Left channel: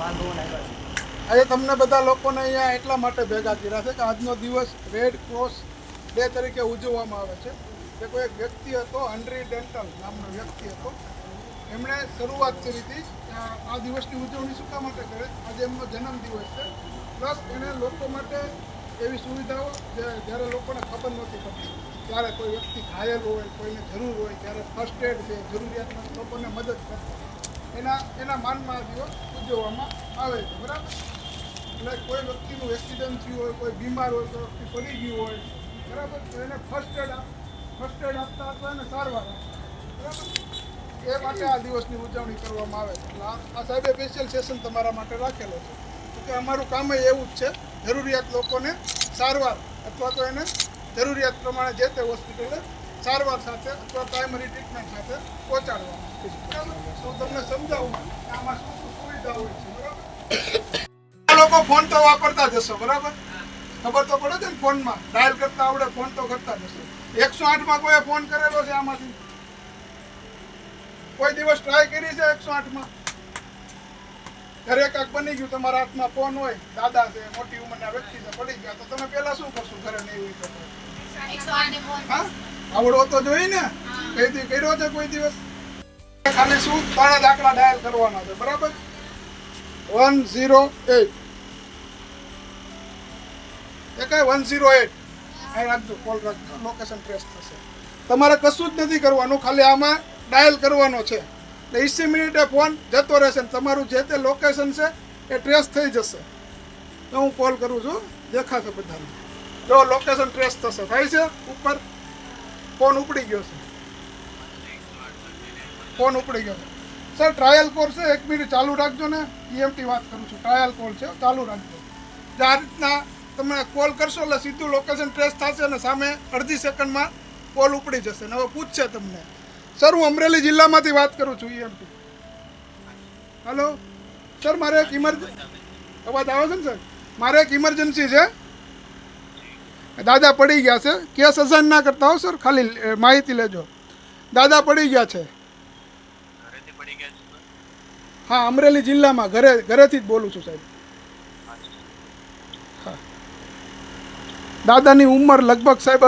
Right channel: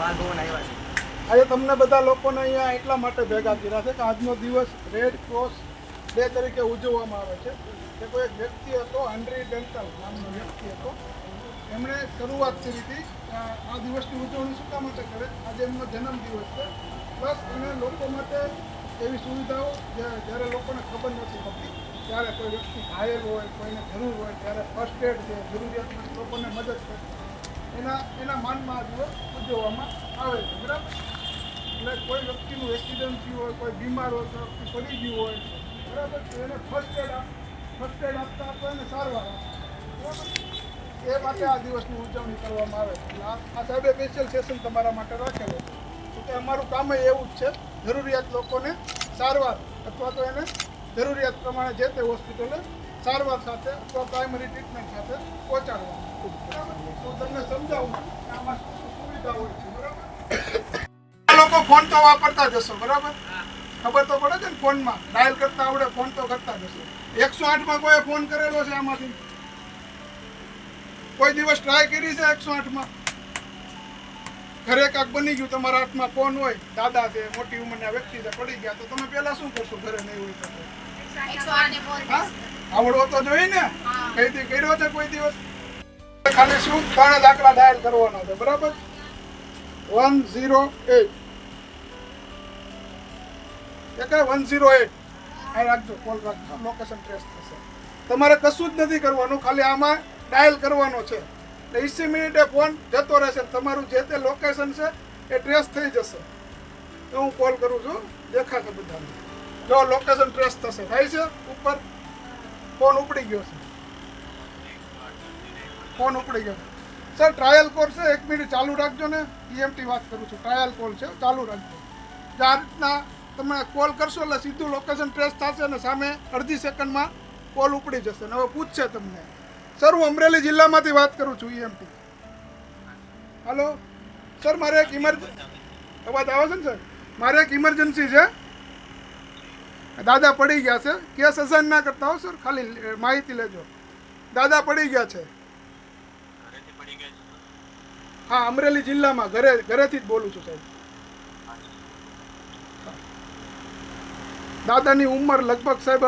બાલભવન આવ્યા છે. આજે તમને બધા લોકોને અહીંયા એટલા માટે ભેગા કર્યા છે કે આજનો દિવસ રેડ ક્રોસ ડે તરીકે ઉજવવામાં આવે છે કે કોઈ એક વ્યક્તિ હતો, હનરી ડેન્ટલ નામનો વ્યક્તિ હતો. એમણે શરૂઆત કરી હતી આ દિવસની ઉજવણી શું કામ માટે કરે, આજે એમનો જન્મદિવસ છે. પ્લસ એણે લોકો માટે એવી સુવિધાઓ જ્યારે લોકોને ખબર નથી પડતી ત્યારે કોઈ વ્યક્તિ ઘાયલ હોય, કોઈને જરૂર હોય ત્યારે ફર્સ્ટ એડ છે, જરૂરિયાતમંદ લોકોને મદદ કરતા એના માનમાં આ દિવસ ઉજવવામાં આવે છે. બરાબર? એટલે કોઈ વ્યક્તિનું એક્સિડન્ટ થયું હોય, કોઈ બીમાર હોય, કોઈ વ્યક્તિ પડી ગયું હોય, બરાબર, તો એને ફર્સ્ટ એડ આપતા અથવા એને સારવાર આપતા. બરાબર? એ માટે આ દિવસની ઉજવણી કરવામાં આવે છે. એટલે આ સાહેબે સ્પેશિયલ સેશન તમારા માટે રાખેલો છે. તો કે અમારું કામ એવું જ છે, જરૂરિયાત લોકોને સારવાર અથવા તો એને જરૂરિયાત પ્રમાણે જે તે હોસ્પિટલે સારવાર સાથે અથવા પ્રાઇમરી ટ્રીટમેન્ટ સાથે પહોંચાડવામાં. બરાબર? તો તમને સમજાવું કે આમાં શું શું સુવિધા હોય છે. બરાબર? લોકો ફોન તો વાપરતા જશો, બરાબર? ખબર તો પડે છે ને, ફોનમાં ડાયલ કરતા આવડે, ફોન તો કરતા જશો. 108માં કોઈ ફોન કરેલો છે આમાંથી? કોઈ દિવસ ટ્રાય કરી છે 108માં? ઘરે કાંક બની ગયું, તમારા હાથમાં ફોન હોય, દાદા છે, મોટી ઉંમરના વ્યક્તિ છે, પડી ગયા, તો તમે પહેલા શું કરશો? ઘરે નહીં હોય તો હા, આવડવો તો જોઈએ ને. કઈથી કર્યો છે કોઈ દિવસ? ખાલી શું 3 આંકડા ડાયલ કરવાના છે. બરાબર? 108 એ કઈ 108 અહીં રાખજો, કોલ રાખજો, લોકેશન ટ્રેસ થશે. તમારે કશું જ નથી કરવાનું, ખાલી આમાં ડાયલ કરવાનો છે. એટલે 20 મિનિટે ફોન જતો રહેશે, તમારું જે તે લોકેશન છે એ ટ્રેસ થઈ જશે. તો હું કોલ કરું છું, દેખાશે બધાને. જો લોકેશન ટ્રેસ થશે, થાય છે ઉપર, ફોન ઉપડી ગયો છે, ફોન ઉપડી ગયો છે. સર ટ્રાયલ કોલ છે, 1 મિનિટ ચાલુ રાખજો ને. EMT વાત કરું છું, ટ્રાયલ કોલ છે, ચાલુ રાખજો. જો આ રીતના તમે કોલ કરશો એટલે સીધું લોકેશન ટ્રેસ થશે અને સામે અડધી સેકન્ડમાં કોલ ઉપડી જશે. અને હવે પૂછશે તમને, સર હું અમરેલી જિલ્લામાંથી વાત કરું છું, EMT. હેલો સર, મારે એક અવાજ આવે છે ને સર? મારે એક ઇમરજન્સી છે, દાદા પડી ગયા છે. કેસ અસાઇન ના કરતા હો સર, ખાલી માહિતી લેજો. દાદા પડી ગયા છે. હા, અમરેલી જિલ્લામાં, ઘરેથી જ બોલું છું સાહેબ. દાદાની ઉંમર લગભગ સાહેબ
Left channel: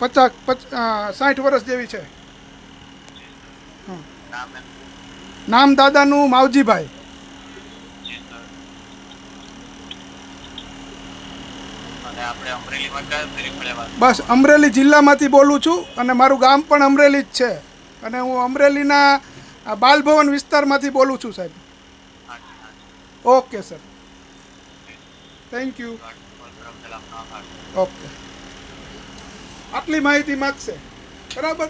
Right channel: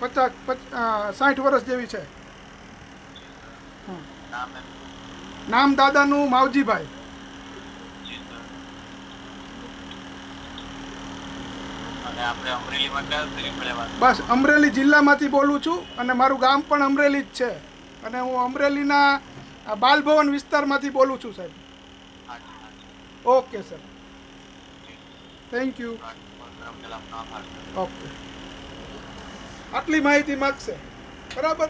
50-60 વર્ષ જેવી છે. નામ દાદાનું માવજીભાઈ. બસ અમરેલી જિલ્લામાંથી બોલું છું અને મારું ગામ પણ અમરેલી જ છે. અને હું અમરેલીના બાલભવન વિસ્તારમાંથી બોલું છું સાહેબ. Okay sir, thank you. Okay, આટલી માહિતી માગશે. બરાબર?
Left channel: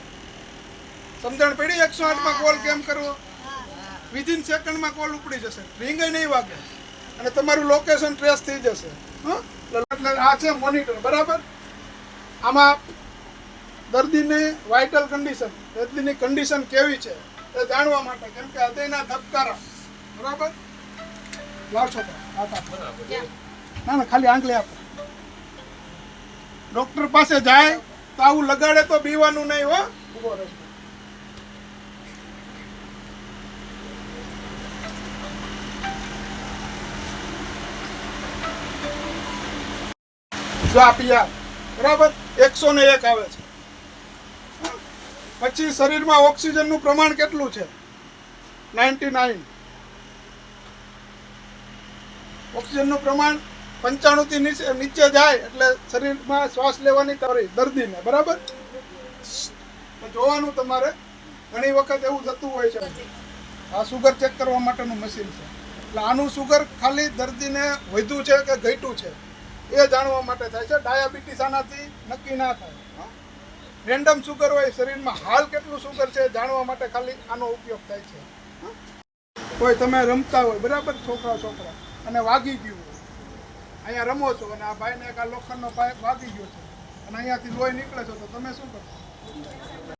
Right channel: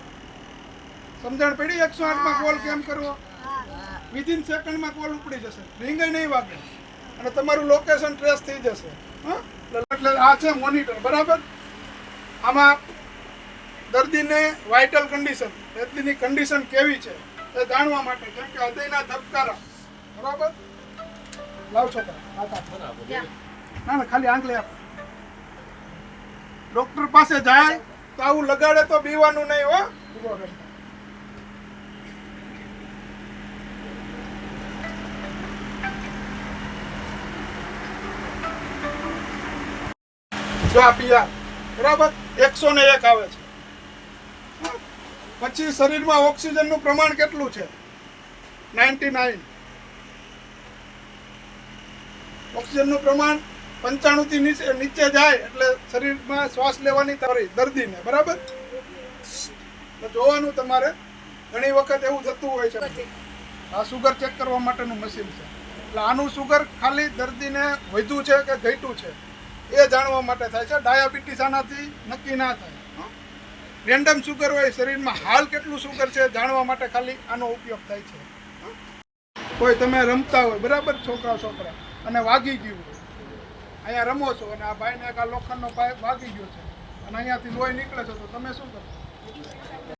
સમજણ પડી? 108માં કોલ કેમ કરવો? વિધિન સેકન્ડમાં કોલ ઉપડી જશે, રિંગ નહીં વાગે અને તમારું લોકેશન ટ્રેસ થઈ જશે. એટલે આ છે મોનિટર. બરાબર? આમાં દર્દીને વાઇટલ કન્ડિશન, દર્દીની કન્ડિશન કેવી છે એ જાણવા માટે, કેમ કે હૃદયના ધબકારા. બરાબર? લાવ છોકરા, ના ના, ખાલી આંગળી આપો. ડોક્ટર પાસે જાય તો આવું લગાડે તો બીવાનું નહીં હો. જો આ PR, બરાબર, 101 આવે છે. પછી શરીરમાં ઓક્સિજનનું પ્રમાણ કેટલું છે? 99. ઓક્સિજનનું પ્રમાણ 95 થી નીચે જાય એટલે શરીરમાં શ્વાસ લેવાની તકલીફ દર્દીને. બરાબર? તો જોવાનું તમારે, ઘણી વખત એવું થતું હોય છે. આ સુગર ચેક કરવા માટેનું મશીન છે. એટલે આનું સુગર ખાલી દર્દીને વધ્યું છે કે ઘટ્યું છે એ જાણવા માટે થાય છે. ડાયાબિટીસ આનાથી નક્કી ના થાય. રેન્ડમ સુગર હોય શરીરમાં, હાલ કેટલું સુગર છે જાણવા માટે ખાલી આનો ઉપયોગ થાય છે. કોઈ તમે રમતા હોય, બરાબર, છોકરા અને વાગી ગયું હોય, અહીંયા રમો છો અને આ ભાઈને એક આ લોખંડનો પાઇપ વાગી ગયો છે અને અહીંયાથી લોહી નીકળે છે, તો તમે શું કરશો?